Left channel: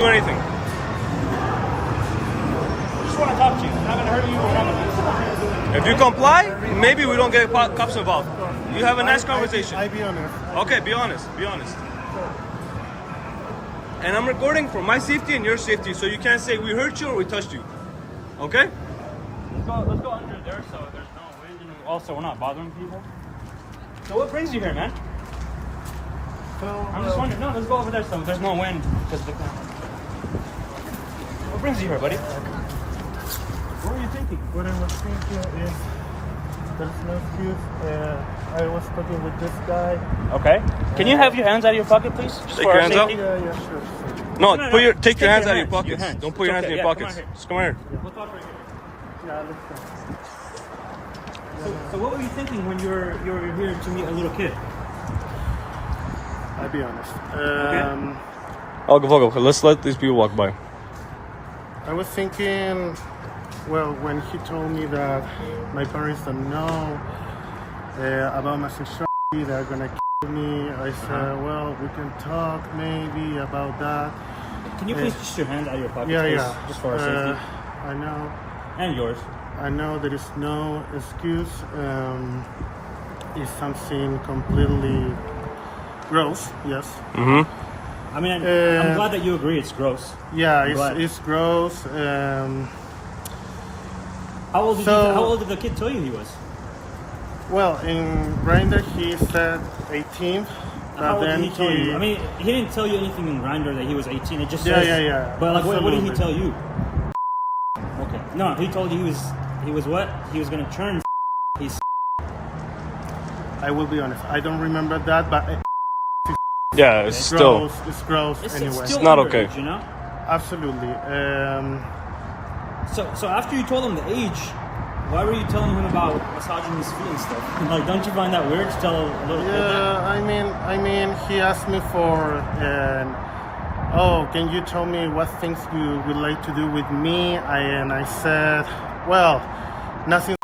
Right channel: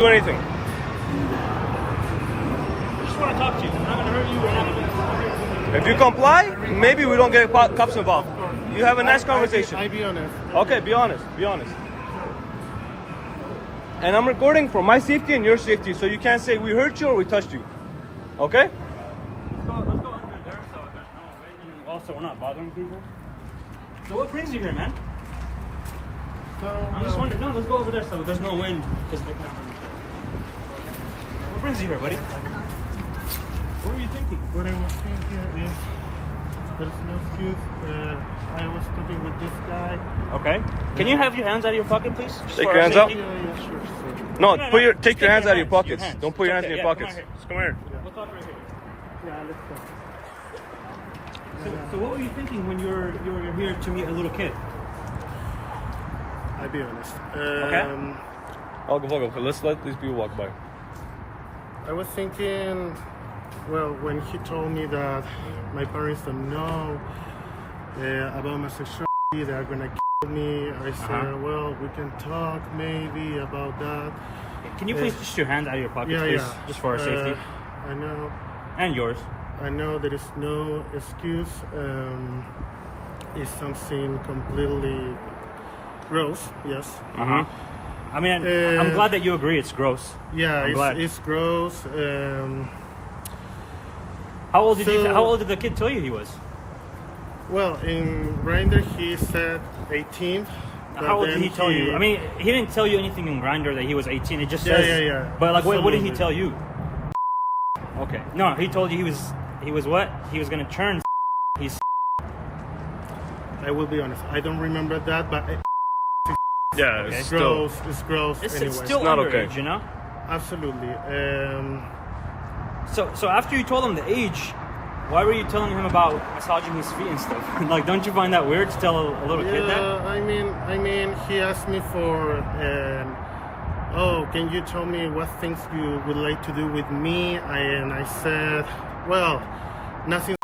do anything. Just want to talk to you. I'm not gonna hurt you. We're not gonna. If you comply, maybe we don't get cops involved. You have a nice conversation. I be honest. Okay, be honest. Be honest. And I'm recording for my safety and your safety, so you can't say we hurt you or we touched you. Okay? Let's go under there so there's no way. Also, we're not bothering people. So what brings you here, man? I'm just wondering. No, let's go over there so there's no wind. What brings you here, buddy? What were you thinking? What I was thinking is, there's no excuse. I was talking with this guy. Okay. Can you have your hands out of your pocket, please? Just Take for your our hands out. safety? Yeah, sure. No, take Take your hands your out of your hands, pockets. your hands. Don't put your hands in Okay, your yeah, come pockets. on here. Just come here. We'll talk right here. Yeah, let's go. So what were you thinking when you were here to meet a little kid? I'll be honest. I'll go. Let's let these people walk by. I was thinking, well, when he told me that my parents don't know about my sexuality, they're gonna kill me. I said, well, we can talk maybe about that. Can you please just your hands out of your pockets, Yeah, please? yeah. Just for our safety. I know. And yours. I know there is no excuse. It's something completely gross. Yes. Mm-hmm. I mean, I'm glad that you agree it's gross. Yeah, I'm glad. it's gross. How old did the kid tell you he was? Well, in Grindr he said 18, but How old then did he tell you? I mean, he didn't tell you anything in Grindr that he was 18. It just says. Yeah. But like, what did he Absolutely. tell you? Okay. No, he told you he was what? He was gonna turn. He's. I will be honest. I don't remember that, but Yeah, it's still. gross. It's gross It's anyway. still not underage, okay. You know. Absolutely. So after you told him the age, why were you telling him about massaging his feet and stuff? Like, don't you find that weird to tell a little kid that? Yeah, I mean, he asked me for. Oh, can you tell me what things you would like to do with me? I said, well, nothing.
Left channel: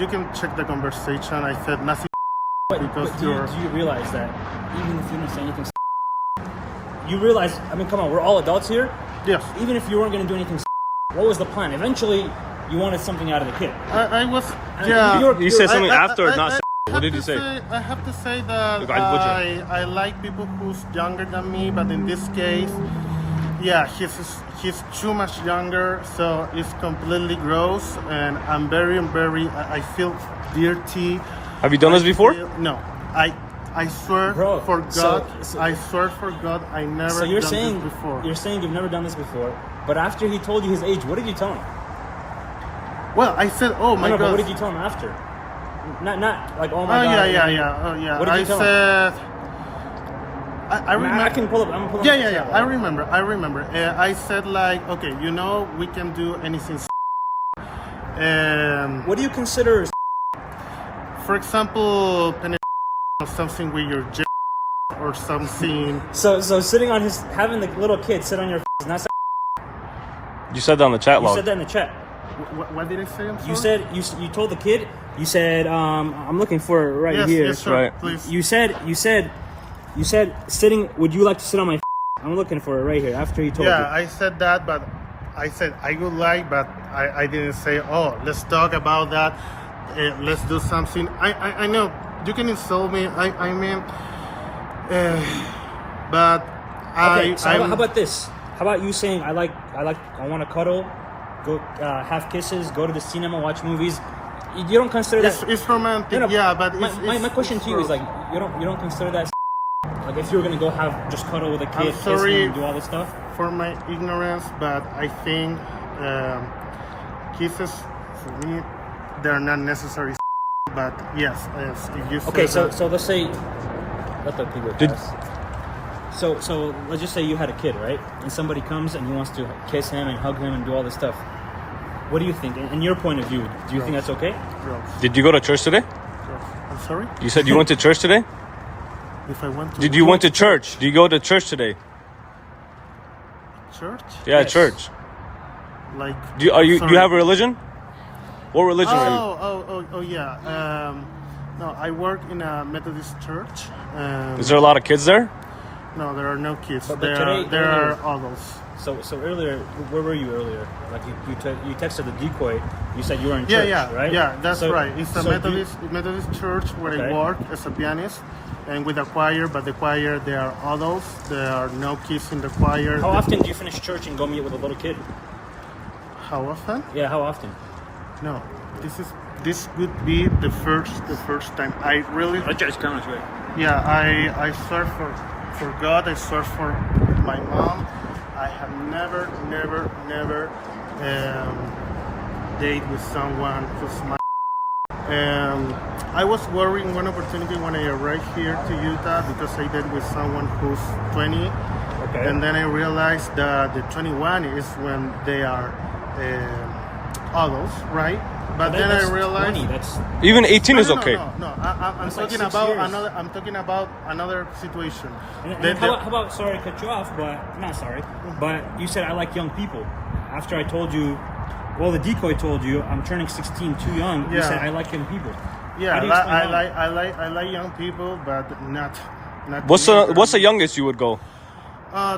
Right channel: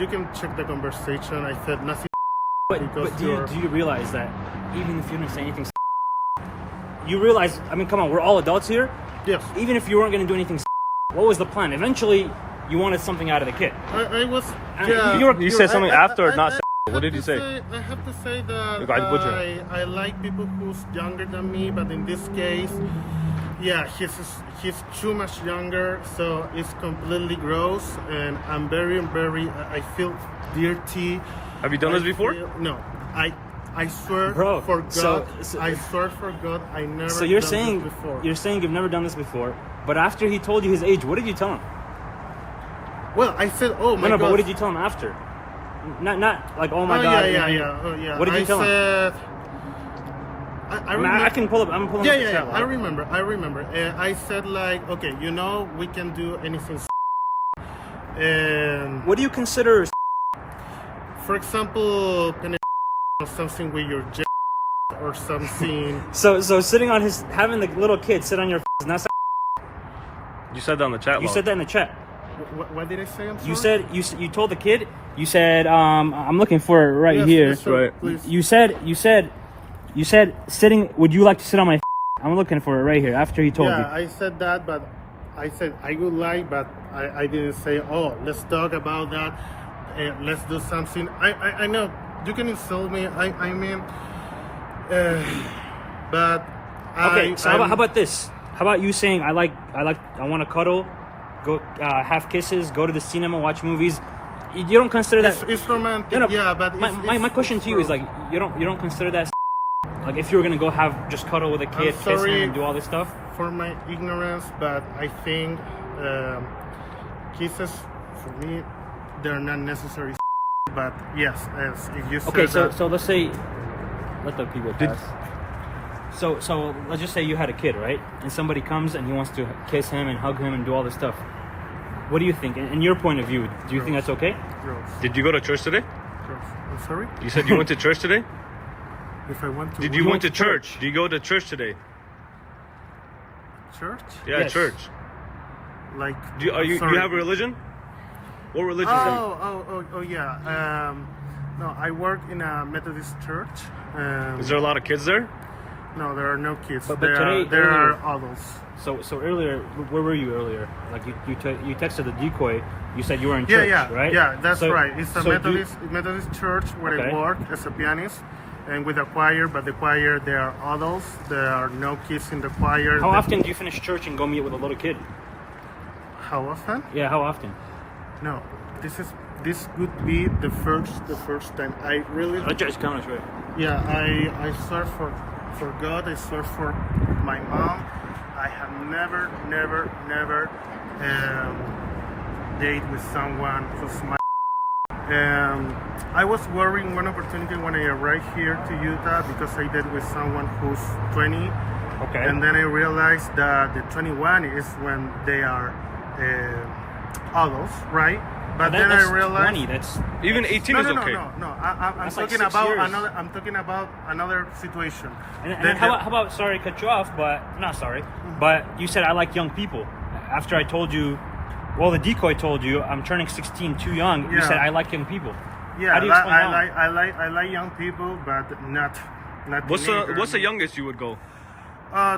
You can check the conversation. I said nothing. But Because do you're. you realize that even if you don't say anything, you realize? I mean, come on, we're all adults here. Yes. Even if you weren't going to do anything, what was the plan? Eventually, you wanted something out of the kid. I was. And Yeah. You said something after or not? What did have you to say? I have to say that Like, I butcher. I like people who's younger than me, but in this case, yeah, he's too much younger, so it's completely gross, and I'm very, I feel dirty. Have you done this before? No, I swear Bro, for God, so- I swear for God, I never So you're done saying this before. you're saying you've never done this before, but after he told you his age, what did you tell him? Well, I said, oh my No, but God. what did you tell him after? Not like oh my Oh god. yeah. Oh yeah. What did you I tell him? said. I I mean, remember. I can pull up. I'm pulling. Yeah. I remember. I said like, okay, we can do anything. What do you consider? For example, or something with your or something. So sitting on his, having the little kid sit on your is not. You said that on the chat You log. said that in the chat. What did I say? I'm sorry. You said you told the kid. You said I'm looking for it right here. Yes, sir, right. Please. You said sitting. Would you like to sit on my? I'm looking for it right here. After he told you. Yeah, I said that, but I said I would like, but I didn't say. Oh, let's talk about that. Let's do something. I know you can insult me. I mean, but Okay, so how about this? How about you saying I want to cuddle, go have kisses, go to the cinema, watch movies. You don't consider that? It's romantic, No, no, yeah, but my question to you is like you don't consider that like if you were gonna go have just cuddle with a kid, kiss him, sorry. and do all this stuff. for my ignorance, but I think kisses for me they're not necessary. But yes, if you Okay, said so let's say let the people Did- pass. So let's just say you had a kid, right? And somebody comes and wants to kiss him and hug him and do all this stuff. What do you think? In your point of view, do you think that's okay? gross. Did you go to church today? I'm sorry. You said you went to church today? If I went to Did you went to church? Did you go to church today? church, Yeah, Yes. church. like Do you sorry. have a religion? What religion are you? Oh yeah. No, I work in a Methodist church. Is there a lot of kids there? No, there are no kids. But there today- there are earlier- adults. So earlier, where were you earlier? Like you texted the decoy. You said you were in Yeah, church, yeah, right? yeah. That's So- right. It's a so do- Methodist church where Okay. I work as a pianist, and with a choir. But the choir, there are adults. There are no kids in the choir. How often do you finish church and go meet with a little kid? How often? Yeah, how often? No, this would be the first time. I really, That just counts, right? yeah. I swear for God. I swear for my mom. I have never date with someone who's my. I was worrying one opportunity when I arrived here to Utah because I did with someone who's 20, Okay. and then I realized that the 21 is when they are adults, right? But then I That's realized 20, that's Even 18 no, is no, okay. No. I'm It's like talking 6 about years. another. I'm talking about another situation. And The- how about, sorry to cut you off, but not sorry, but you said I like young people. After I told you, well, the decoy told you I'm turning 16, too young. You Yeah. said I like young people. Yeah, How do you explain that? I like young people, but not. What's the teenagers. youngest you would go?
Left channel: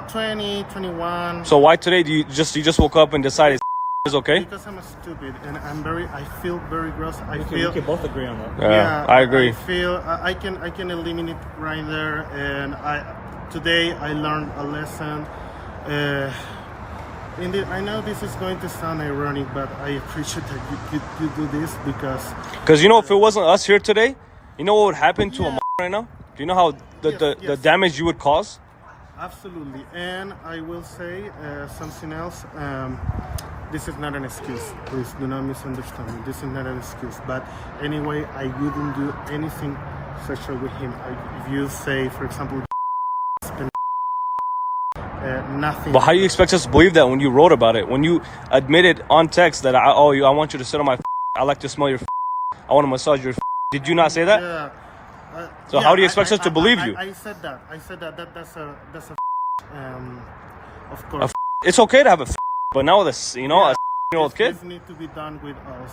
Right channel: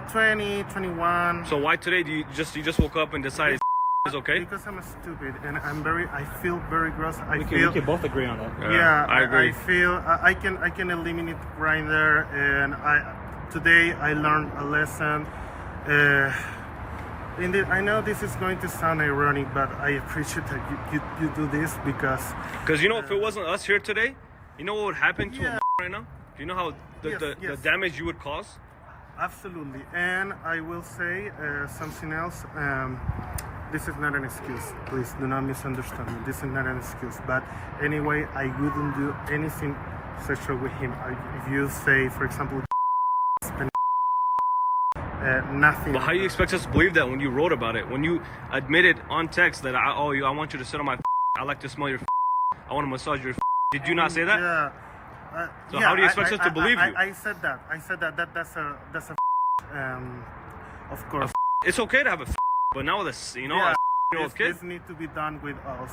20, 21. So why today do you just woke up and decided is okay? Because I'm a stupid and I feel very gross. I We feel. can both agree on that. Yeah, I agree. I feel I can eliminate right there, and today I learned a lesson. I know this is going to sound ironic, but I appreciate that you do this because Because if it wasn't us here today, you know what would happen to Yeah. a right now? Do you know how the Yes. damage you would cause? absolutely. And I will say something else. This is not an excuse. Please do not misunderstand me. This is not an excuse. But anyway, I wouldn't do anything sexual with him. If you say, for example, nothing. But how do you expect us to believe that when you wrote about it? When you admitted on text that I want you to sit on my I like to smell your I want to massage your Did you not say that? Yeah. So how do you expect us to believe you? I said that. That's a of course. It's okay to have a but now this, a 16-year-old kid. This need to be done with us.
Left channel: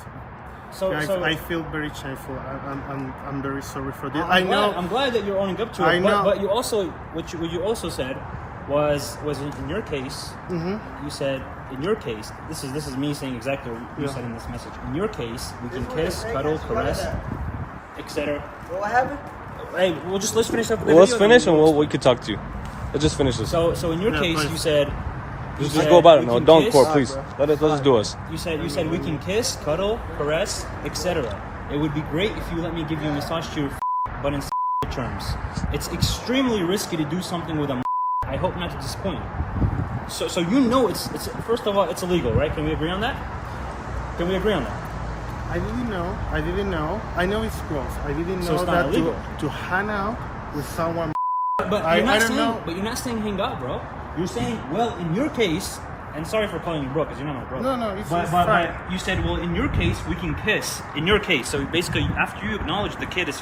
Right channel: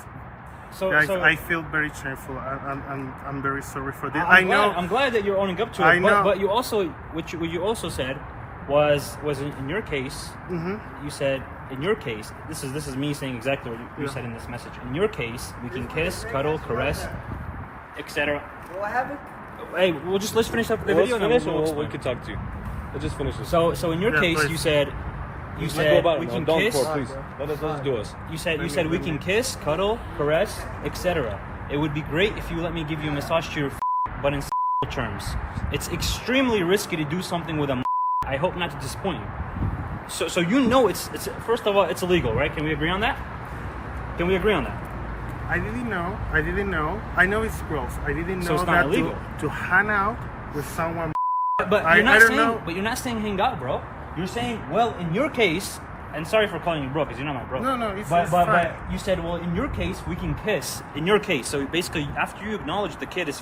So, Guys, so I feel very shameful. I'm very sorry for this. I'm glad that you're owning up to it. I know. But you also, what you also said was in your case. Mm-hmm. You said in your case, this is me saying exactly what you said in this message. In your case, we can kiss, cuddle, caress, etc. What happened? Hey, let's finish up. The Well, let's video finish and and we could talk to you. Let's just finish this. So in your Yeah, case, please. you said. Just said go about it. we No, can don't kiss. pour, please. Let's just do us. You said we can kiss, cuddle, caress, etc. It would be great if you let me give you a massage to your but in terms. It's extremely risky to do something with a I hope not to disappoint you. So it's first of all it's illegal, right? Can we agree on that? Can we agree on that? I didn't know. I know it's gross. I didn't So know it's not that illegal. to hang out with someone. But I don't saying, know. But you're not saying hang out, bro. You're saying, well, in your case, and sorry for calling you bro, because you're not my bro. No, it's but fine. you said, well, in your case, we can kiss. In your case, so basically, after you acknowledge the kid is,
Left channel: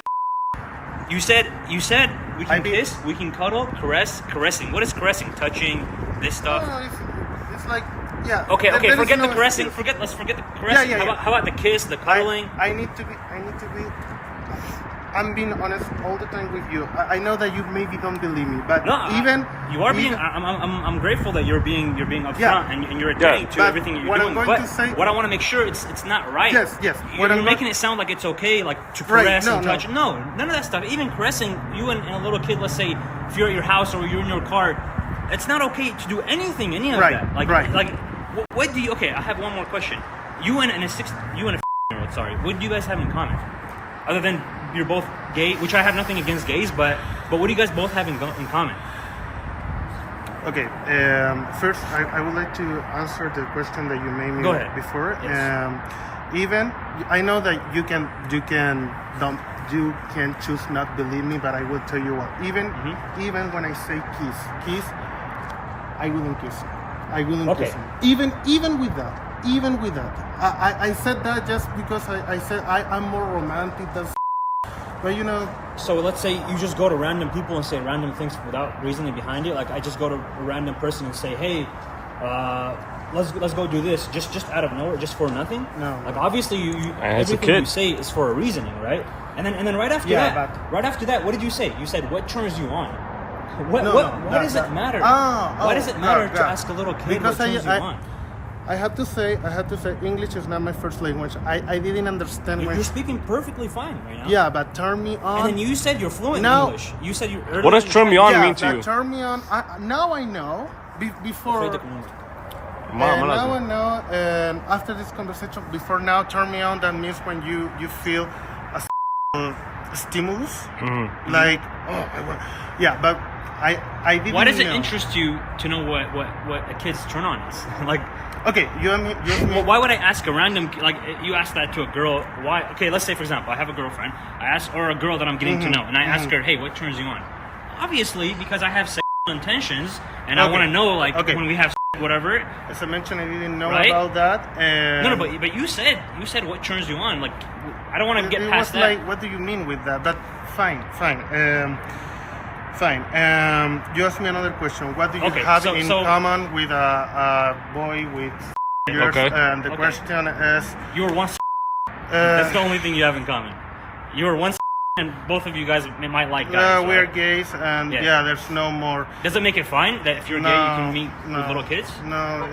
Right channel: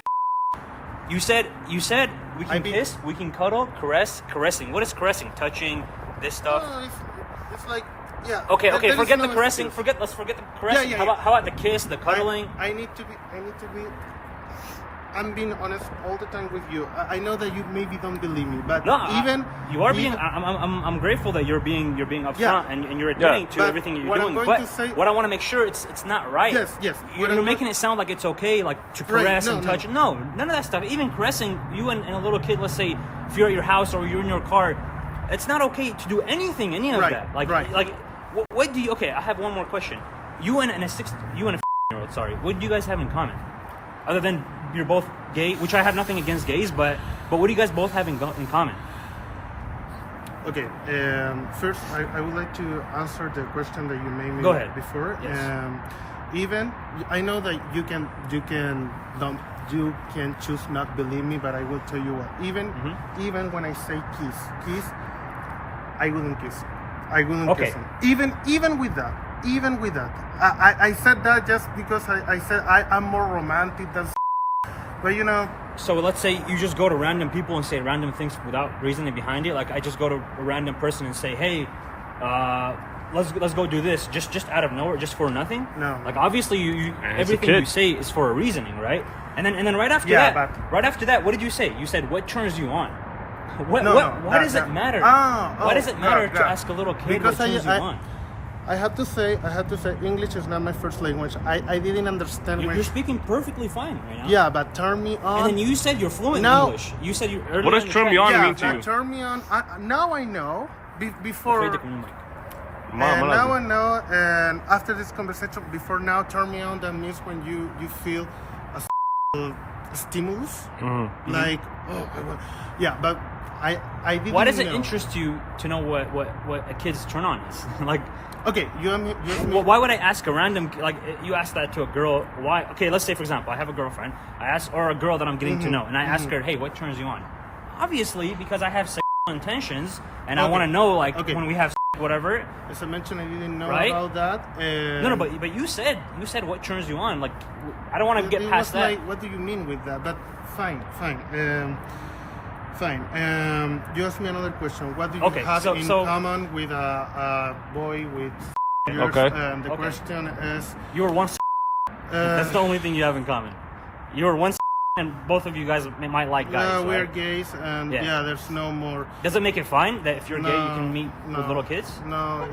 you said we can kiss, we can cuddle, caressing. What is caressing? Touching, this stuff. No, it's like yeah. Okay, there is forget no the caressing. excuse. Let's forget the caressing. Yeah. How about the kiss, the cuddling? I need to be. I'm being honest all the time with you. I know that you maybe don't believe me, but No, even you are being. even- I'm grateful that you're being upfront Yeah. and you're adhering to but everything you're what doing. I'm going but to say- what I want to make sure it's not right. Yes. You're What I'm making going- it sound like it's okay, like to Right, caress no, and no. touch. No, none of that stuff. Even caressing you and a little kid. Let's say if you're at your house or you're in your car, it's not okay to do anything. Any of Right, that. Like, right. Like, what do you? Okay, I have one more question. You and a year-old. Sorry, what do you guys have in common? Other than you're both gay, which I have nothing against gays, but what do you guys both have in common? Okay. First, I would like to answer the question that you made me Go ahead. before. Yes. Even I know that you can choose not believe me, but I will tell you what. Even when I say kiss, I wouldn't kiss. I wouldn't Okay. kiss him. Even with that. I said that just because I said I'm more romantic than. But So let's say you just go to random people and say random things without reasoning behind it. Like I just go to a random person and say, "Hey, let's go do this," just out of nowhere, just for nothing. No. Like obviously you And it's a everything you kid. say is for a reasoning, right? And then right after Yeah, that, but- right after that, what did you say? You said what turns you on. What, No, what, no, why that- does that- it matter? Ah, Why oh, does it matter God, to God. ask a little kid Because what turns you on? I had to say English is not my first language. I didn't understand You're, when. you're speaking perfectly fine right now. Yeah, but turn me on. And then you said you're fluent No. in English. You said you. What does turn me on yeah, mean to but you? turn me on. Now I know. Before. Mom, And I now love I know, and after this conversation, before now, turn me on. That means when you feel a stimulus, Mm-hmm. like yeah. But I didn't. Why does it know. interest you to know what a kid's turn on is? Like, Okay, you and me. why would I ask a random, like, you ask that to a girl? Why? Okay, let's say for example, I have a girlfriend. I ask, or a girl that I'm getting to know, and I ask her, hey, what turns you on? Obviously, because I have sexual intentions, and I Okay. want to know, like, Okay. when we have whatever. As I mentioned, I didn't know Right? about that. And No, but you said what turns you on. Like, I don't want to it get was past that. like, what do you mean with that? But fine. You asked me another question. What do you Okay, have so- in so- common with a boy with years? Okay. And the Okay. question is, You're one. That's the uh, only thing you have in common. You're one, and both of you guys might like guys. we're right? gays, and Yeah. yeah, there's no more. Does it make it fine that if you're No, gay, you can meet no, with little kids? No.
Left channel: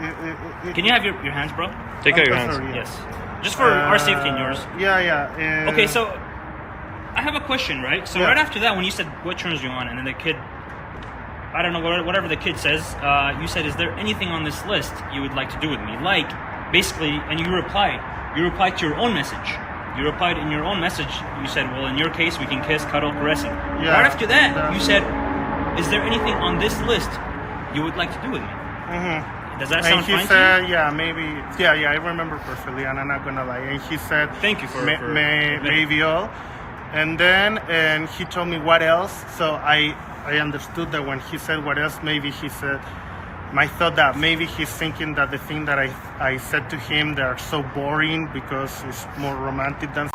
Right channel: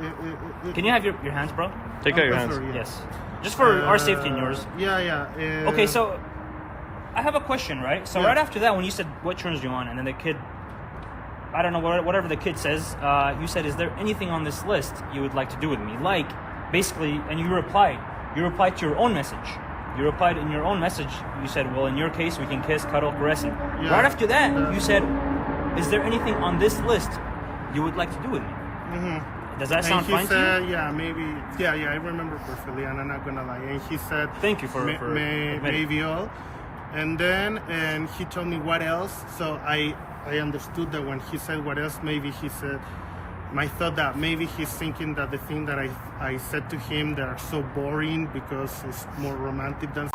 Can you have your hands, bro? Take out your I'm hands. sorry, yeah. Yes. Just for our safety and yours. Yeah. Okay, so I have a question, right? So Yeah. right after that, when you said what turns you on, and then the kid, I don't know, whatever the kid says, you said, is there anything on this list you would like to do with me? Like, basically, and you replied to your own message. You replied in your own message, you said, well, in your case, we can kiss, cuddle, caressing. Yeah, Right after that, that- you said, is there anything on this list you would like to do with me? Mm-hmm. Does that And sound he fine said, to you? yeah, maybe, yeah, I remember perfectly, and I'm not gonna lie. And he said, Thank you for admitting. maybe all. And then, and he told me what else. So I understood that when he said what else, maybe he said, my thought that maybe he's thinking that the thing that I said to him, they're so boring because it's more romantic than.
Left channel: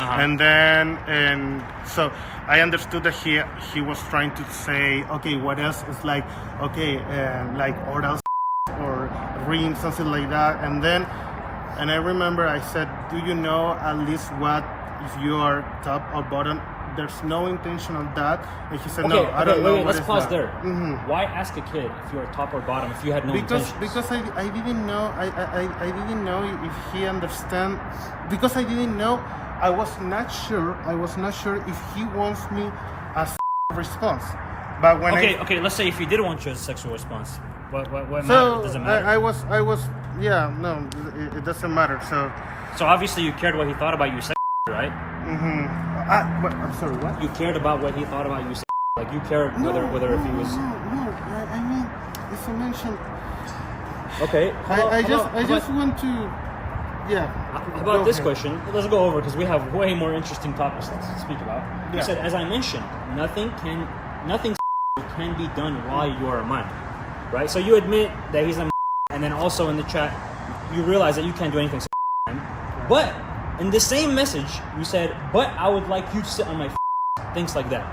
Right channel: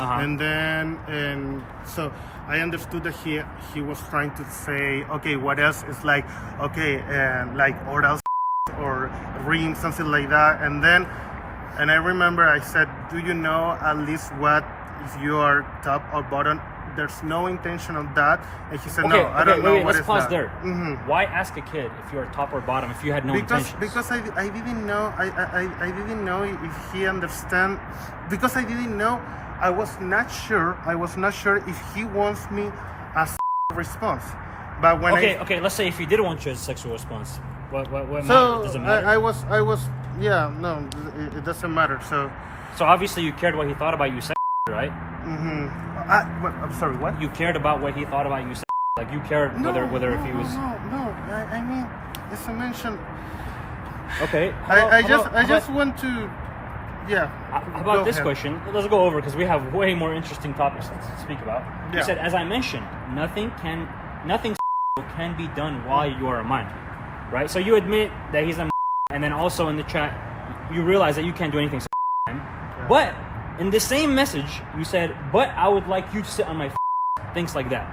And then, and so I understood that he was trying to say, okay, what else is like, okay, like oral or ring, something like that. And then, and I remember I said, do you know at least what if you are top or bottom? There's no intention of that. And he said, no, I don't know what let's is pause that. there. Mhm. Why ask a kid if you are top or bottom if you had no Because intentions? I didn't know I didn't know if he understand, because I didn't know, I was not sure if he wants me as response. But when Okay, let's say if you did want your sexual response, what so does it matter? I was yeah, no, it doesn't matter. So So obviously you cared what he thought about you, right? I'm sorry, what? You cared about what he thought about you, like you cared whether if he was. No. I mean, as I mentioned, Okay. I just want to, yeah. About go this ahead. question, let's go over because we have way more interesting topics to speak about. Yeah. You said, as I mentioned, nothing can be done while you're a minor, right? So you admit that he's a, and then also in the chat, you realize that you can't do anything. But in the same message, you said, "But I would like you to sit on my things like that."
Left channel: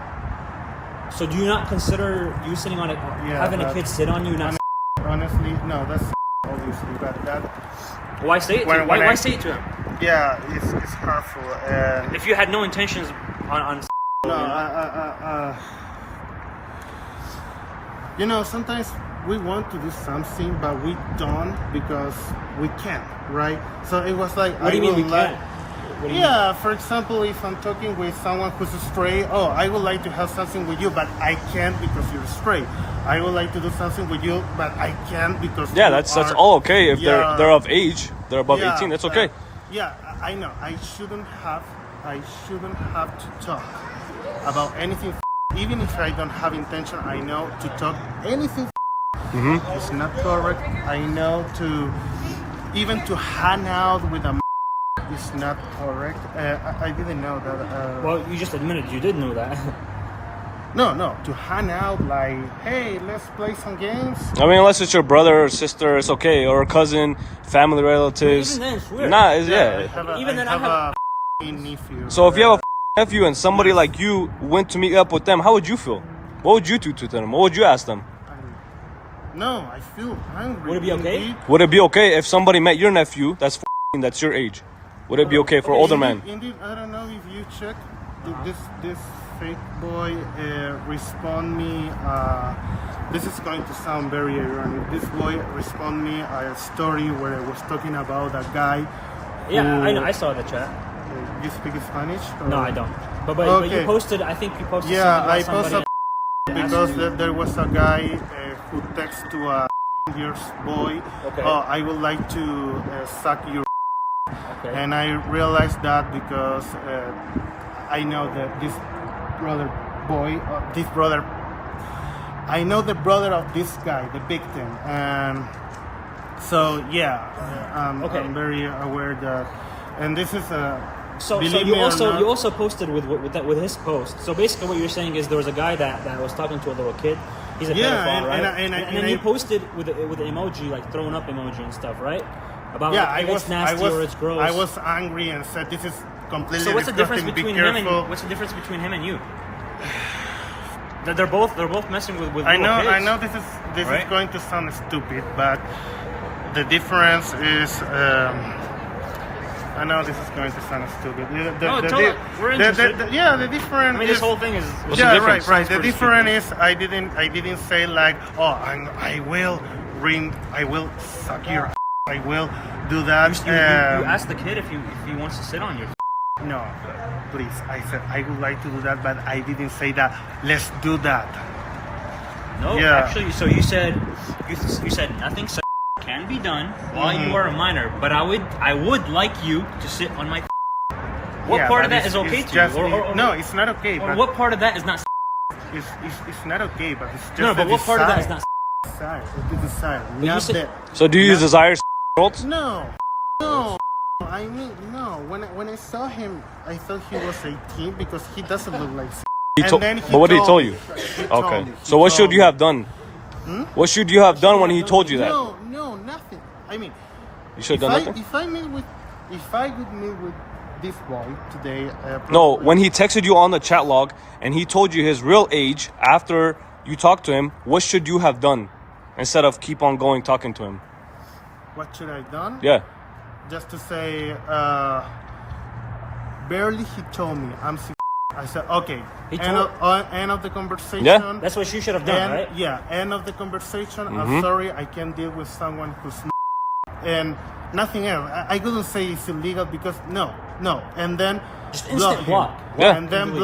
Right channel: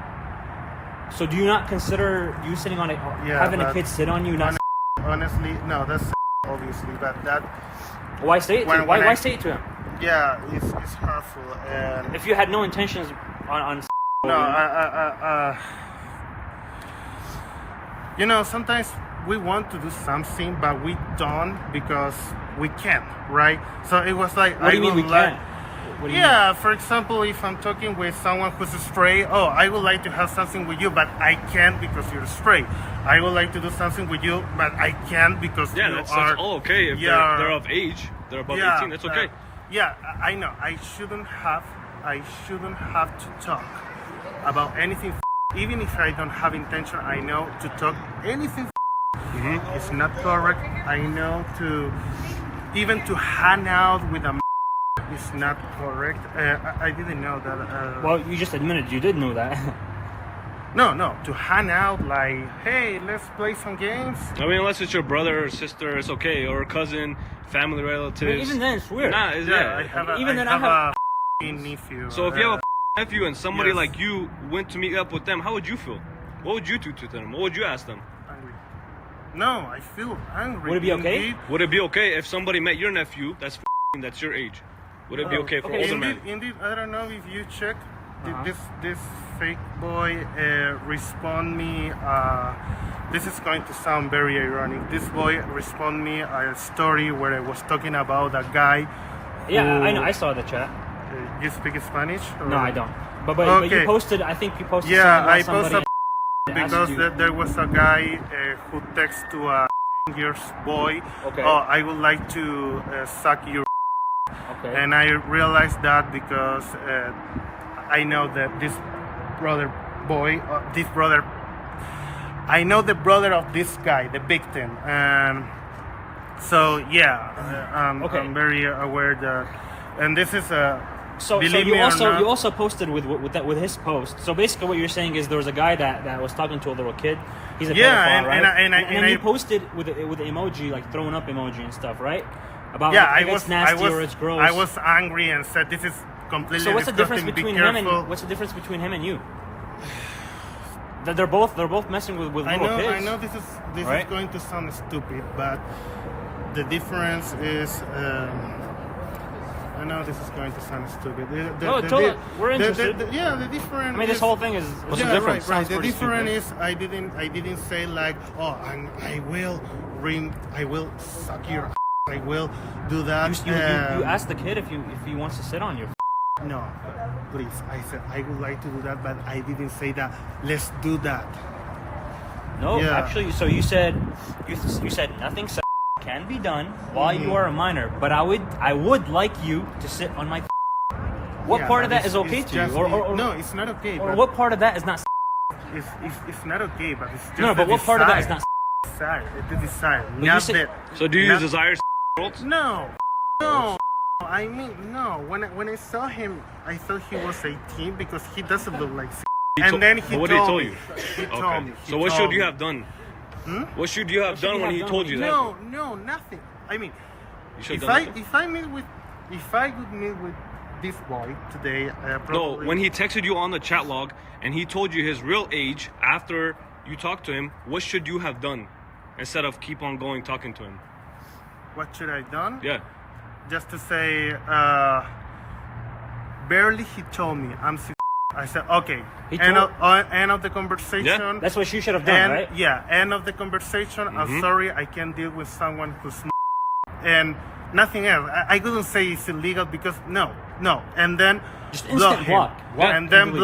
So do you not consider you sitting on it, having a but kid sit on you? Not honestly, no, that's obviously, but that. why say it? When Why I- say it to him? Yeah, it's hurtful, and If you had no intentions on no, you know, sometimes we want to do something, but we don't because we can't, right? So it was like What do you mean we like, can't? What do you yeah. For example, if I'm talking with someone who's straight, oh, I would like to have something with you, but I can't because you're straight. I would like to do something with you, but I can't because Yeah, you that's are- all okay if Yeah. they're of age. They're above Yeah, 18. That's but- okay. Yeah, I know. I shouldn't have to talk about anything. Even if I don't have intention, I know to talk anything. It's not correct. I know to even to hang out with a is not correct. I didn't know that. Well, you just admitted you did know that. No. To hang out like, hey, let's play some games. I mean, unless it's your brother or sister, it's okay, or a cousin, family relatives. Even then, it's weird. Nah, it's, I yeah. have a, Even I then, have I a nephew. So if you have a nephew and somebody Yes. like you went to meet up with them, how would you feel? What would you do to them? What would you ask them? Angry. No, I feel angry. Would it be okay? Indeed. Would it be okay if somebody met your nephew that's your age? Would it be okay for older men? Indeed, I don't know if you check, this fake boy respond me. This is going to sound very ironic. This boy respond me a story where I was talking about a guy. Yeah, who, I know. I saw the chat. You speak Spanish? Or? No, I don't. But Okay. you posted. I think you posted. Yeah, something I about posted somebody because asked you- there was a guy who texted to a years boy, Okay. "Oh, I would like to suck your," Okay. and I realized that because I know that this brother boy, I know the brother of this guy, the victim, and so yeah, Okay. I'm very aware that, and this is a. So Believe you me or also not, you also posted with his post. So basically, what you're saying is there was a guy that was talking to a little kid. He's a Yeah, pedophile, and right? I you posted with the emoji, like throwing up emoji and stuff, right? About yeah, like, it's nasty or it's gross. I was angry and said, "This is completely So what's the difference disgusting. Be between him and careful." what's the difference between him and you? They're both messing with I know, little I kids. know. This is Right? going to sound stupid, but the difference is. I know this is going to sound stupid. No, tell it. We're interested. Yeah, the difference. I mean, is, this whole thing is. What's the yeah, difference? right. The Pretty difference is I didn't say like, "Oh, I will suck your I will do that." You asked the kid if he wants to sit on your. No, please. I said I would like to do that, but I didn't say that. Let's do that. No, Yeah. actually, so you said nothing can be done while you are a minor, but I would like you to sit on my. What Yeah, part of but that is it's okay to just, you? Or, no, it's not okay. or But what part of that is not? it's not okay. But it's just No, the but what part of that is desire. not? Desire. It's the desire. you Not said- that. So do you Not- desire girls? No. I mean, no. When I saw him, I thought he was 18 because he doesn't look like. And then he But what did he told tell me. you? He told Okay. me. He So what told should you me. have done? What should you have done when he told you that? No, nothing. I mean, You should if have done nothing. if I could meet with this boy today, No, probably- when he texted you on the chat log and he told you his real age after you talked to him, what should you have done instead of keep on going talking to him? what should I done? Yeah. Just to say, barely he told me I'm. I said okay. He End told- end of the conversation. Yeah. That's what you should have done, And right? yeah, end of the conversation. Mm-hmm. I'm sorry, I can't deal with someone who's and nothing else. I couldn't say it's illegal because no. And then Just block instant him. block. Yeah. And then Completely.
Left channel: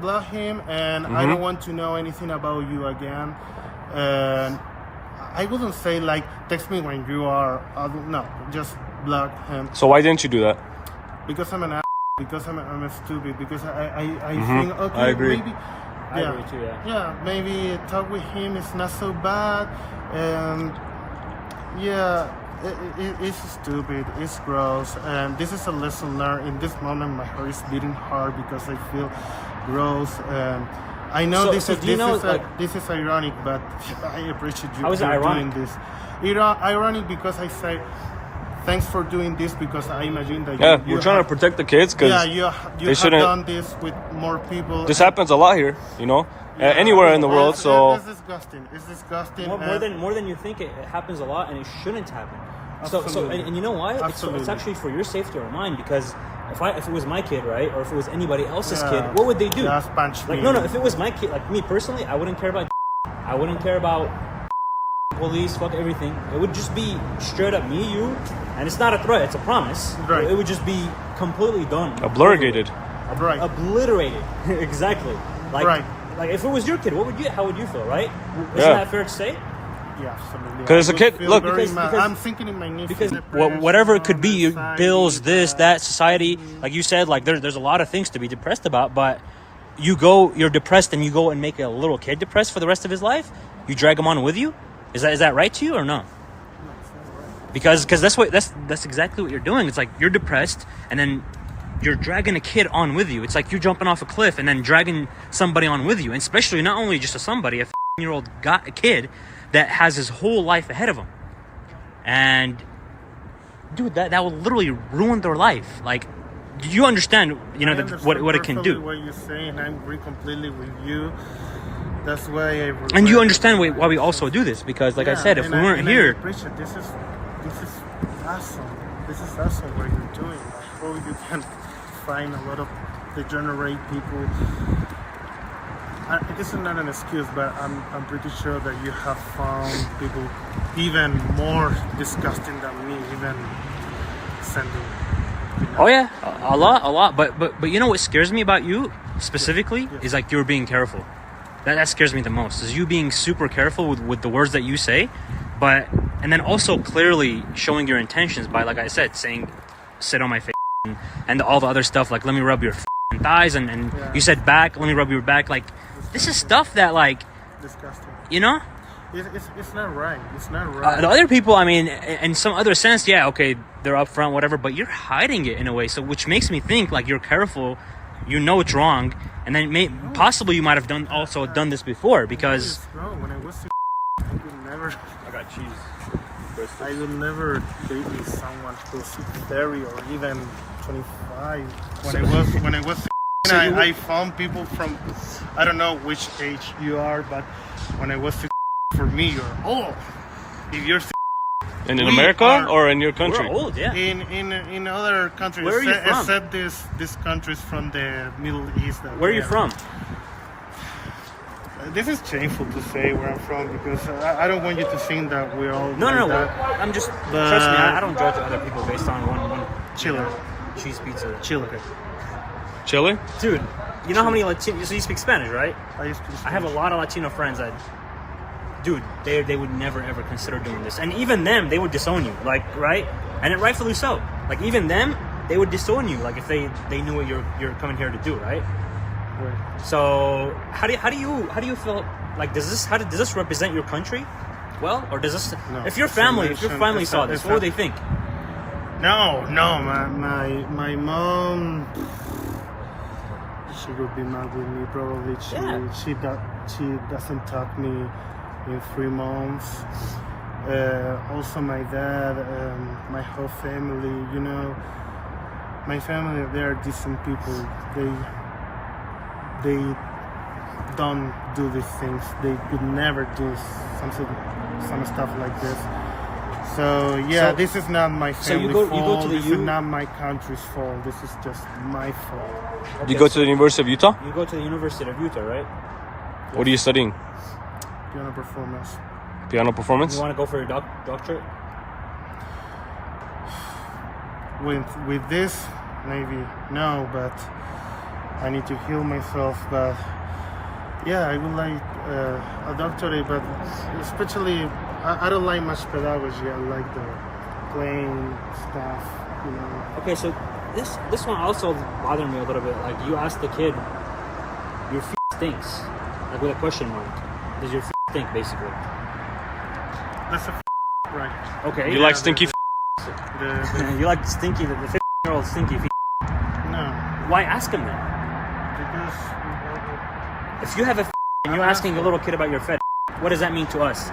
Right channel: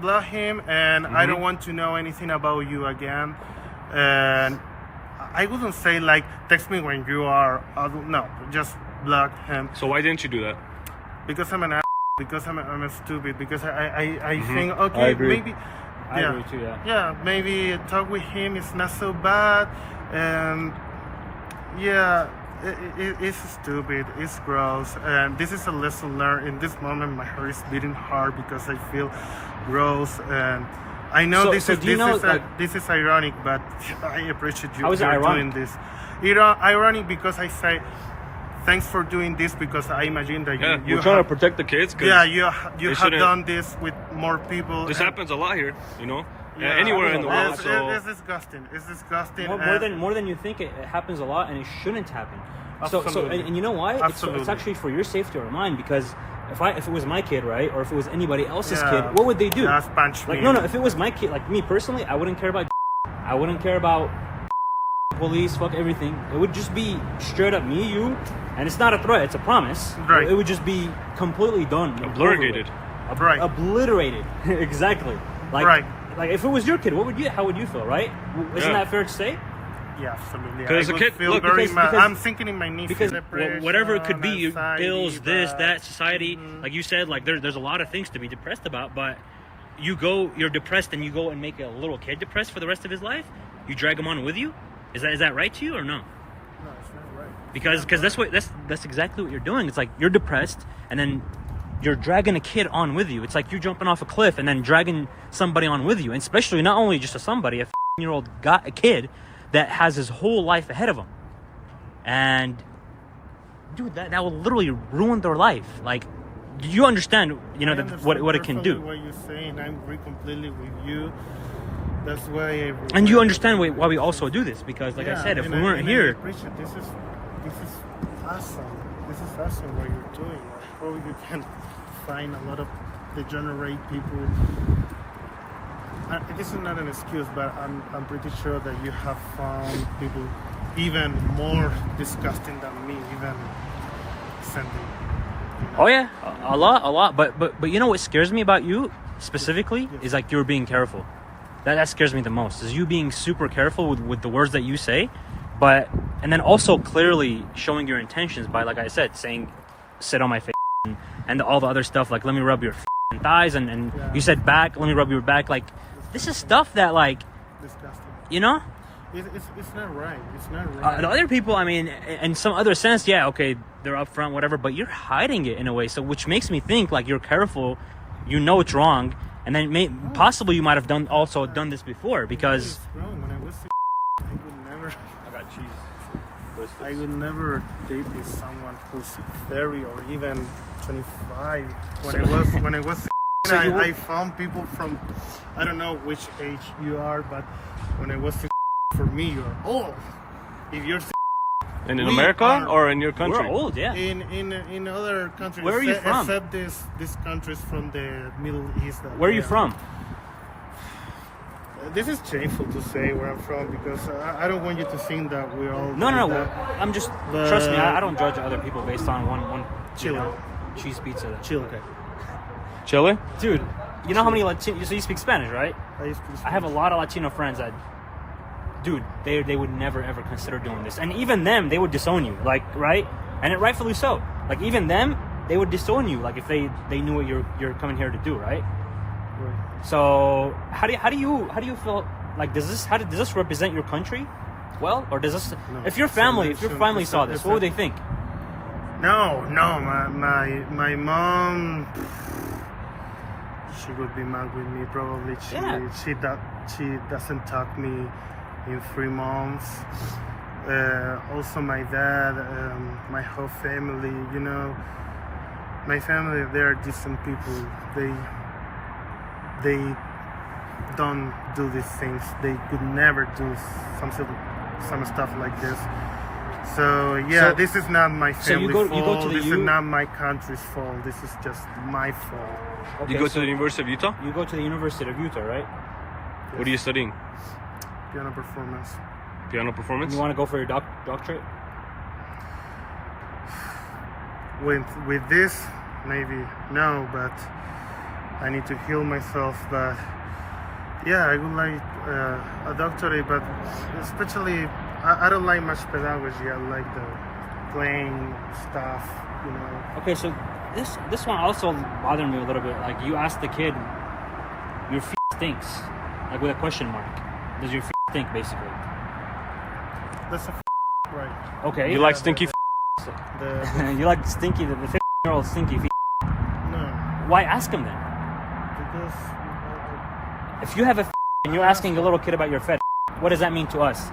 block him, and I Mm-hmm. don't want to know anything about you again. And I wouldn't say like text me when you are adult. No, just block him So why didn't you do that? because I'm an ass, because I'm a stupid, because I think I okay, agree. maybe I yeah. agree too, yeah. Yeah, maybe talk with him is not so bad, and yeah, it's stupid, it's gross, and this is a lesson learned. In this moment, my heart is beating hard because I feel gross, and I know So do you know, this is ironic, but I appreciate you How is it you're ironic? doing this. Ironic because I say thanks for doing this because I imagine that Yeah, you we're trying to have, protect the kids because yeah you they have shouldn't- done this with more people. this and- happens a lot here, you know, yeah, anywhere in the world. it's- So it's disgusting. It's disgusting. More than you think, it happens a lot, and it shouldn't happen. So Absolutely. and you know why? It's Absolutely. actually for your safety or mine, because if it was my kid, right, or if it was anybody else's Yeah, kid, what would they do? just punch me. No, if it was my kid, like me personally, I wouldn't care about. I wouldn't care about police, fuck everything. It would just be straight up me, you, and it's not a threat; it's a promise. Right. It would just be completely done. obliterated. Right. Obliterated. Exactly. Like, Right. Like if it was your kid, how would you feel, right? Isn't Yeah. that fair to say? Yeah, absolutely. 'Cause I the would kid- feel look, very because- mad. because- I'm thinking in my niece because depression, Whatever it could be, anxiety, bills, this, but- that, society. Like you said, like there's a lot of things to be depressed about, but you're depressed and you go and make a little kid depressed for the rest of his life. You drag him on with you. Is that right to you or no? No, it's not right. Because that's exactly what you're doing. It's like you're depressed and then you're dragging a kid on with you. It's like you're jumping off a cliff and then dragging somebody on with you. And especially not only just a 15-year-old kid that has his whole life ahead of him. And dude, that will literally ruin their life. Like, do you understand? You know I what understand it can perfectly do. What you're saying, I agree completely with you. That's why I. And you understand why we also do this, because like I Yeah, said, if and we weren't and I here, appreciate this is awesome. This is awesome what you're doing. I hope you can find a lot of degenerate people. I guess it's not an excuse, but I'm pretty sure that you have found people even more disgusting than me, even sending. You know. Oh yeah, a lot. But you know what scares me about you specifically is like you're being careful. That scares me the most. Is you being super careful with the words that you say, and then also clearly showing your intentions by, like I said, saying, "Sit on my face," and all the other stuff like, "Let me rub your thighs," and you said back, "Let me rub your back." Like, this is stuff that, like, Disgusting. you know. It's not right. It's not right. The other people, I mean, in some other sense, yeah, okay, they're upfront, whatever, but you're hiding it in a way, so which makes me think like you're careful, you know it's wrong, and then possibly you might have done this before because. Wrong. When I was, I would never. I got cheese. I would never date with someone who's 30 or even 25. When I was, I found people from, I don't know which age you are, but when I was, for me, you're old. If you're And in We America are- or in your country? You're old, yeah. in other countries, Where are you from? except these countries from the Middle East. Where are you from? This is shameful to say where I'm from because I don't want you to think that we're all No, like no, that. I'm just. But- Trust me, I don't judge other people based on one Chile. cheese pizza. Chile. Chile? Dude, you know how many Latino? So you speak Spanish, right? I used to I have a lot of Latino friends that, dude, they would never ever consider doing this, and even them, they would disown you, like, right? And rightfully so. Like, even them, they would disown you, like, if they knew what you're coming here to do, right? Right. So how do you feel? Like, does this represent your country? Well, or does this? No. If your family It's saw a- this, it's what would a- they think? No, my mom. She would be mad with me probably. She doesn't talk me in 3 months. Also, my dad, my whole family. You know, my family. They are decent people. They don't do these things. They could never do some stuff like this. So yeah, So- this is not my so you family's go to fault. the This U- is not my country's fault. This is just my fault. You go to the University of Utah? You go to the University of Utah, right? What are you studying? Piano performance. Piano performance? You want to go for your doctorate? With this, maybe no, but I need to heal myself. But yeah, I would like a doctorate, but especially I don't like much pedagogy. I like the playing stuff, you know. Okay, so this one also bothered me a little bit. Like, you asked the kid, your stinks, like with a question mark. Does your stink, basically? That's a right. Okay. You like the- stinky you like stinky, the 15-year-old stinky. No, Why ask him that? because If you have and you're asking a little kid about your fed, what does that mean to us?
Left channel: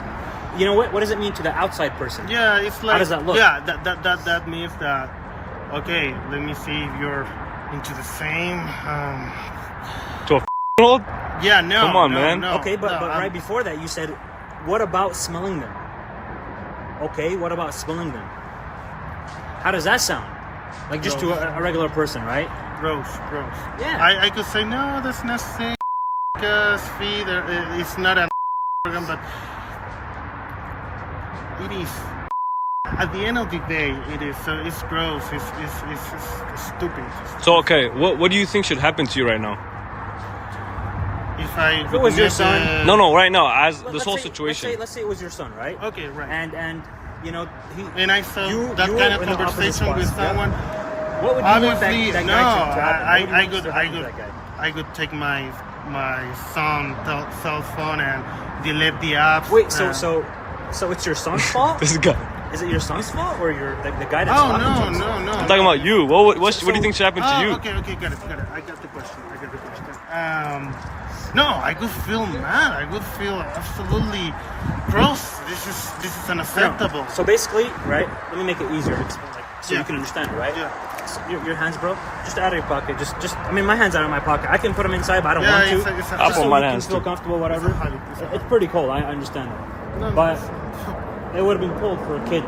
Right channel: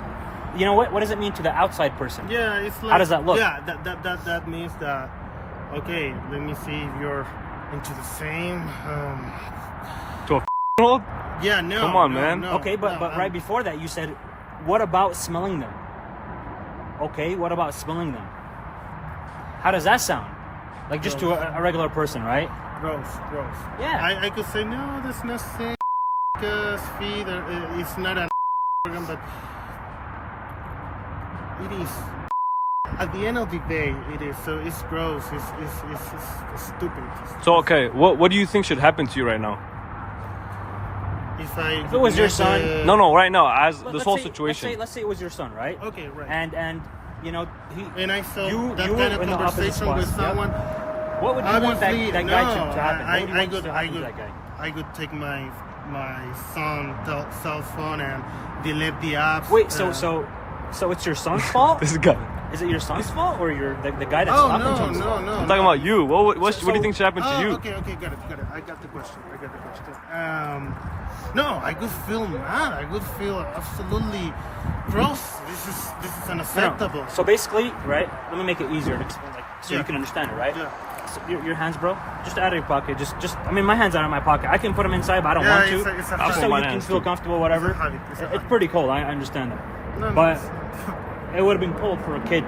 You know what? What does it mean to the outside person? yeah, it's like does that look? yeah, that means that okay. Let me see if you're into the same. to a old? Yeah, no. Come on, no, man. No, Okay, but I'm- right before that, you said, what about smelling them? Okay, what about smelling them? How does that sound? Like, just to a regular person, right? gross. Yeah. I could say no, that's not sick because feed. It's not an organ, but it is. At the end of the day, it is. So it's gross. It's stupid. So, okay, what do you think should happen to you right now? If I it was your admit son- No, right now, as this Let's whole say- situation. Let's say it was your son, right? Okay, right. And you know, And I saw You- that you kind of were in the conversation opposite with spot, yeah. someone. what would you want Obviously, that no. guy to happen? What would you want to happen to that guy? I could take my son cell phone and delete the apps. Wait, so it's your son's fault? This guy. Is it your son's fault or the guy that's Oh talking no, to you? no, no. I'm talking about you. What do you think should happen to you? Okay, got it. I got the question. No, I could feel mad. I could feel absolutely gross. This is unacceptable. So basically, right? Let me make it easier, so Yeah. you can understand it, right? Yeah. So your hands, bro. Just out of your pocket. Just. I mean, my hands out of my pocket. I can put them inside, but I don't Yeah, want to. it's a I'll habit. put my You hands can feel too. comfortable, whatever. It's a habit. It's a It's habit. pretty cool. I understand. No, no. But it would have been cool for a kid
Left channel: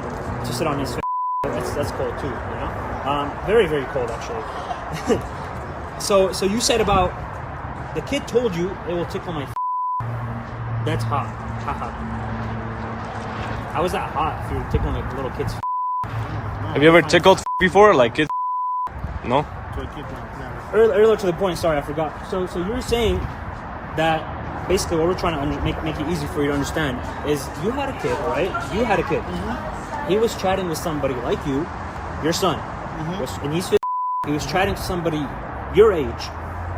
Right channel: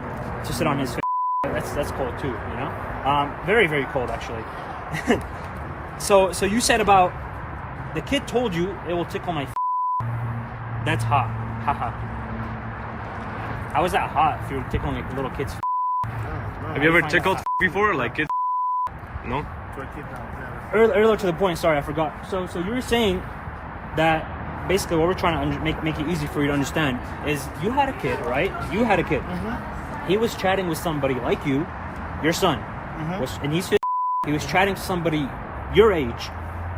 to sit on his. That's cool too, you know. Very very cool actually. So you said about the kid told you it will tickle my. That's hot. Haha. How is that hot if you're tickling a little kid's? Have you ever tickled before, like kids? No. To a kid, no, never. Earlier to the point. Sorry, I forgot. So you were saying that basically what we're trying to make it easy for you to understand is you had a kid, right? You had a kid. He was chatting with somebody like you, your son, and he was chatting to somebody your age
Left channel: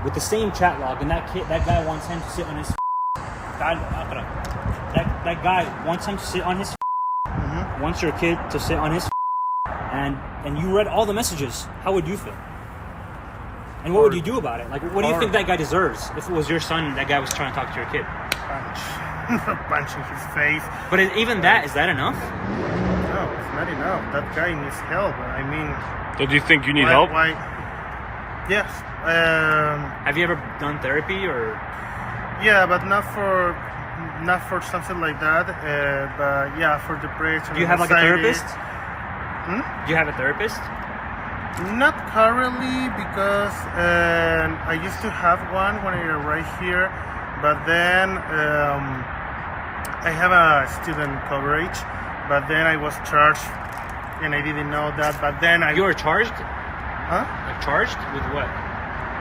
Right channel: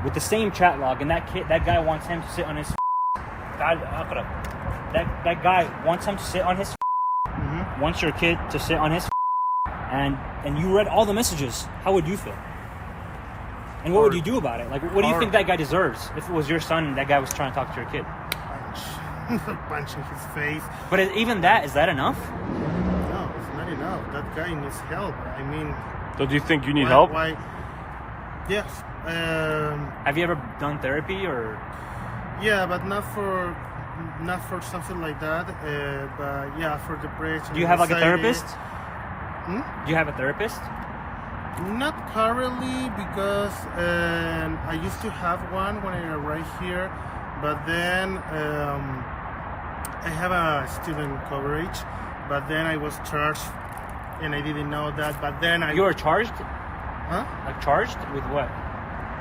with the same chat log, and that guy wants him to sit on his. That guy wants him to sit on his. Wants your kid to sit on his. And you read all the messages. How would you feel? And what would you do about it? Like, what do you think that guy deserves if it was your son and that guy was trying to talk to your kid? Punch in his face. But even that, is that enough? No, it's not enough. That guy needs help. I mean, So do you think you need help? Why? Yes. Have you ever done therapy or? Yeah, but not for something like that. But yeah, for depression. Do you have like a anxiety. therapist? Do you have a therapist? Not currently, because I used to have one when I arrived here, but then I have a student coverage, but then I was charged, and I didn't know that. But then You are charged? huh? Like charged with what?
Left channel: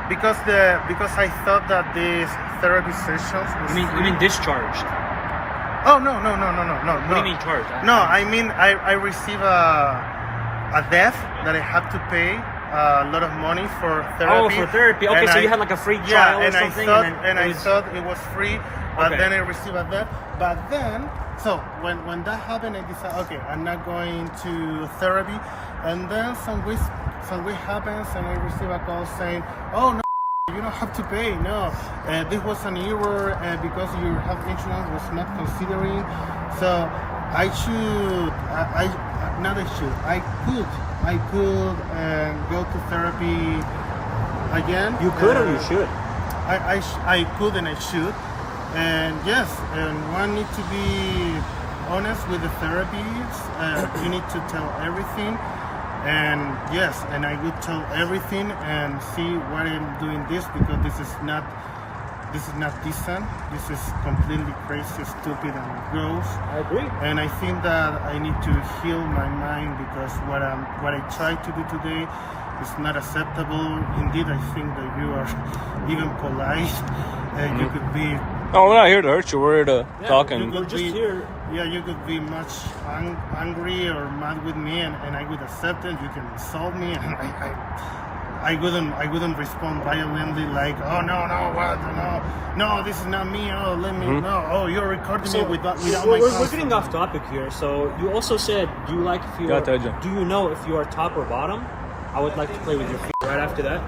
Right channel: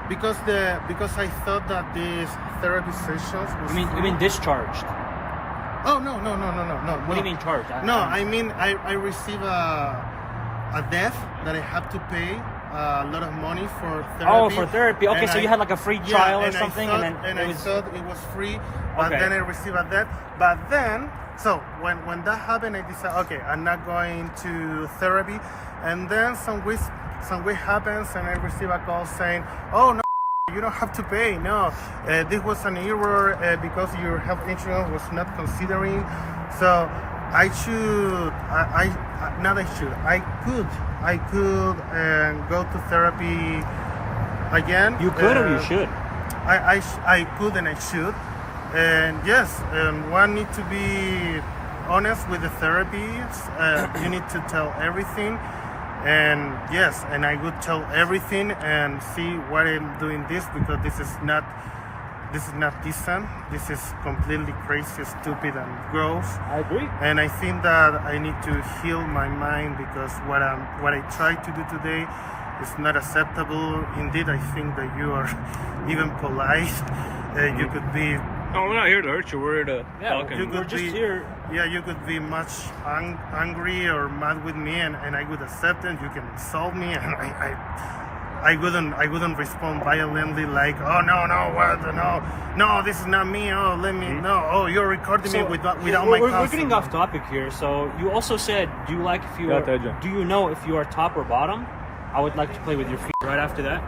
Because I thought that these therapy sessions was You free. mean discharged? Oh no. What do you mean charged? No, I mean I receive a debt that I have to pay a lot of money for therapy. Oh, for therapy. Okay, And so you had like a free trial. Yeah, and or I something, thought then I it was- thought it was free, but Okay. then I received a debt. But then, so when that happened, I decided, okay, I'm not going to therapy. And then some week happens, and I receive a call saying, oh no. You don't have to pay. No, this was an error because your health insurance was not considering. So I should. I could go to therapy again. You could or you should? I could and I should. And yes, and one need to be honest with the therapist. You need to tell everything. And yes, and I would tell everything and see why I'm doing this, because this is not decent. This is completely crazy, stupid, and gross. I agree. And I think that I need to heal my mind, because what I tried to do today is not acceptable. Indeed, I think that you are even polite. You could be. No, we're not here to hurt you. We're here to talk you and. could We're just be, here. Yeah, you could be much angry or mad with me, and I would accept it. You can insult me, and I wouldn't respond violently like, oh no, this is not me. Oh, let me no. Oh, you're recording me without my We're consent. getting off topic here. So you also said, do you like if you? Yeah, Teja. Do you know if you are top or bottom? I would like to play with your feet right after that.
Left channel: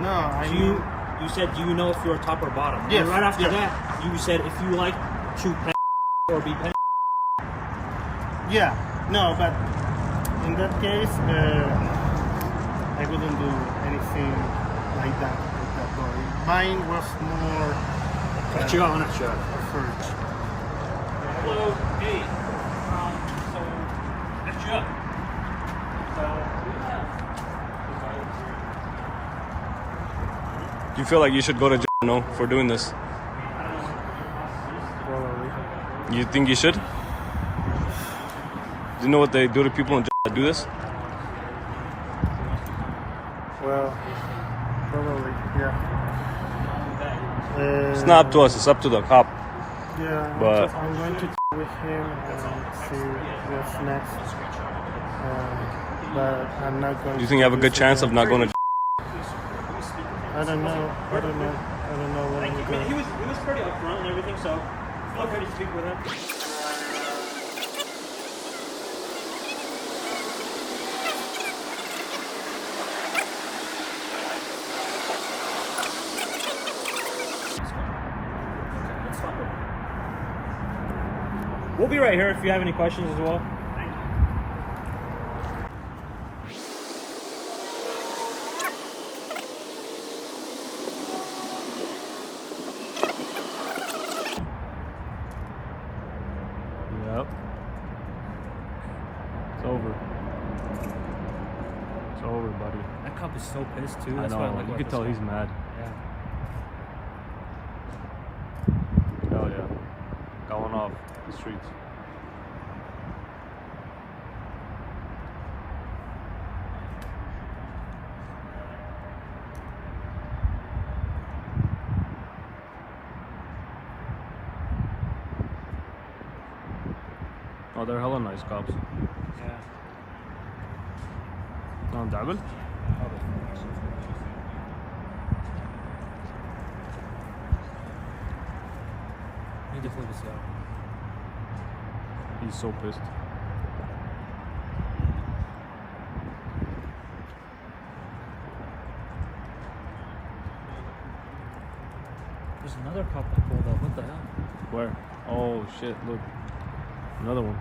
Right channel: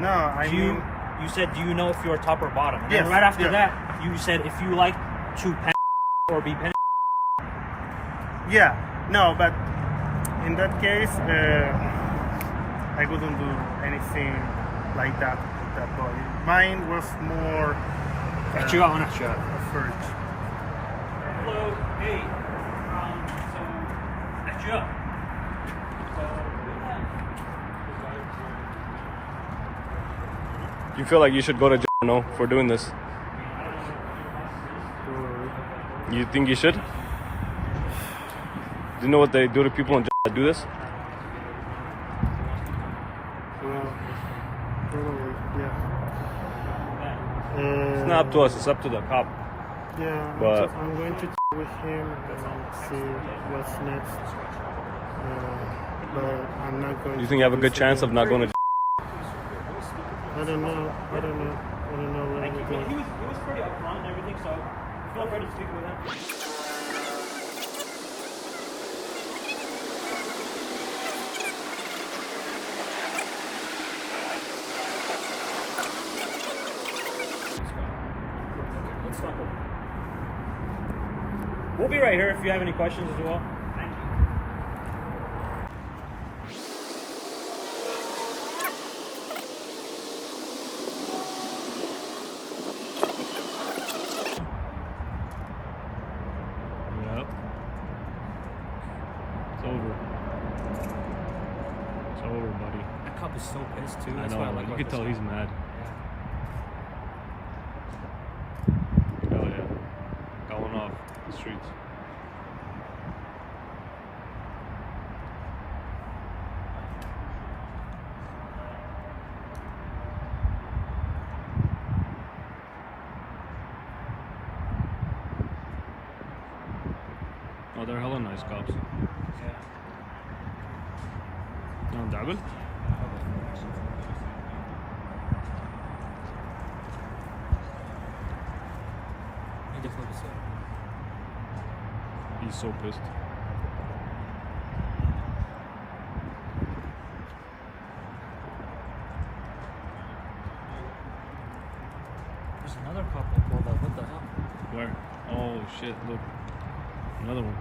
No, I Do mean. you said, do you know if you're top or bottom? Yes, And right after yeah. that, you said if you like to pen or be pen. Yeah, no, but in that case, I wouldn't do anything like that with that boy. Mine was more Catch you up, not you. a search. Hello, hey. So, catch you up. Do you feel like you should go to jail? No, for doing this. Probably. You think you should? Do you know what they do to people in jail that do this? Well, probably, yeah. It's not up to us. It's up to the cop. Yeah, But- I'm going to with him and see what's next. But I'm not going. Do you think you have a good chance of not going to jail? I don't know. Let me go. He was pretty upfront and everything, so feel free to speak with him. Let's stop over. We'll be right here if you have any questions as well. Thank you. Yep. It's over. It's over, buddy. That cop is so pissed too. I That's why know. let You go could of tell this he's mad. one. Hell yeah. Going off the streets. Oh, they're hella nice cops. No, double? He definitely was, He's so pissed. There's another cop that pulled up. What the hell? Where? Oh shit, look. Another one.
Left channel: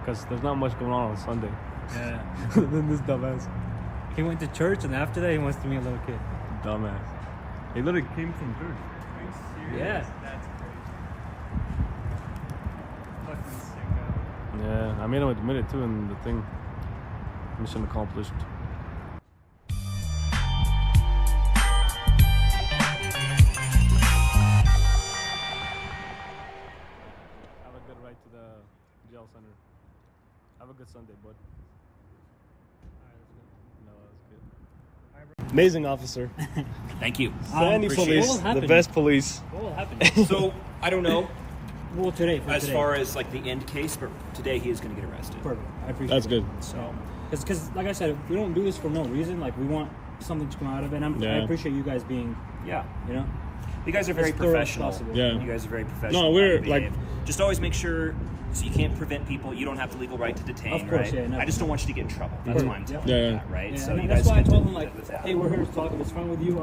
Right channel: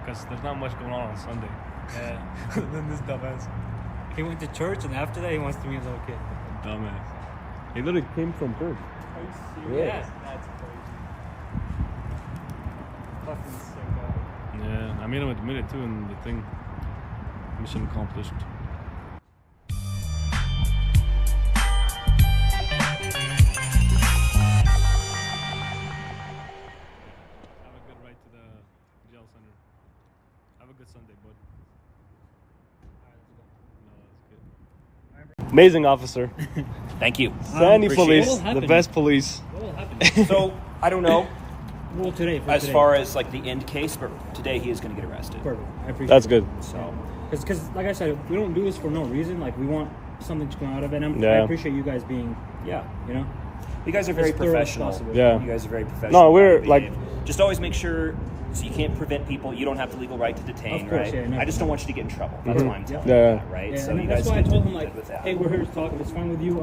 Because there's not much going on Sunday. Yeah. Then this dumbass. He went to church, and after that, he wants to meet a little kid. Dumbass. He literally came from church. Yeah. Yeah, I made him admit it too in the thing. Mission accomplished. Have a good ride to the jail center. Have a good Sunday, bud. No, that's good. Amazing officer. Thank you. Sandy appreciate police, it. What the happened? best police. What will happen? So I don't know Well, today. as far as like the end case, but today he is going to get arrested. Perfect. I appreciate That's it. good. So Because, like I said, we don't do this for no reason. Like, we want something to come out of it. And I Yeah. appreciate you guys being, yeah, you know, you guys are very as thorough as professional. possible. Yeah. You guys are very professional. No, we're, how you like- behave. Just always make sure. So you can't prevent people. You don't have the legal right to detain, Of course, right? yeah, no. I just don't want you to get in trouble. That's why I'm telling Yeah. you that, right? Yeah, So and you that's guys why I get told to him, like, live with that. hey, we're here to talk. If it's fine with you,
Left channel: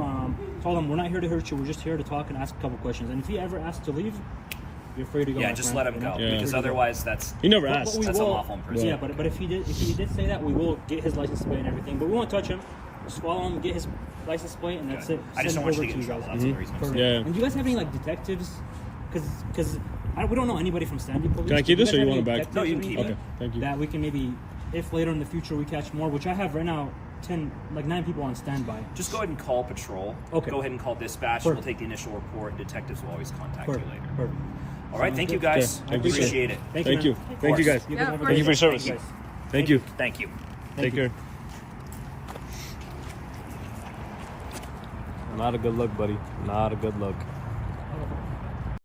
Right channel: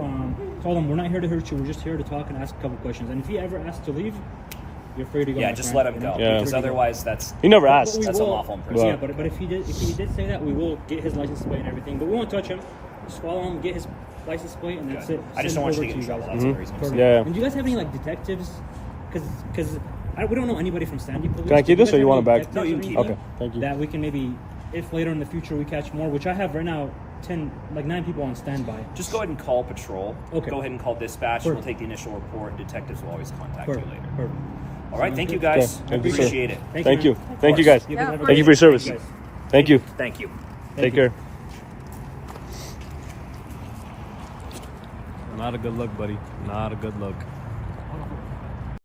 told him we're not here to hurt you. We're just here to talk and ask a couple questions. And if he ever asks to leave, you're free to go. Yeah, my just friend, let him you go know? Yeah. because Free to go. otherwise that's He never But asked. we that's will- unlawful in prison. Yeah, but if he did say that, we will get his license plate and everything. But we won't touch him. Just follow him, get his license plate, and that's Good. it. I just Send don't want him you to get in over trouble. guys. That's the reason. Perfect. Yeah. And do you guys have any like detectives? Because we don't know anybody from Sandy Police. Can I keep Do this, guys or you have want any it back? detectives No, you or can keep anything Okay, thank you. That we can maybe, if later in the future we catch more, which I have right now, 9 people on standby. Just go ahead and call patrol. Okay. Go ahead and call dispatch. Perfect. We'll take the initial report. Detectives will always contact Perfect. you later. Perfect. All right. Sounds Thank you, good. guys. Okay, thank you, sir. Appreciate it. Thank man. you. Thank you, guys. You guys have a Thank you for your great day. service. Thank you, guys. Thank you. Thank you. Take you. care. Not a good look, buddy. Not a good look.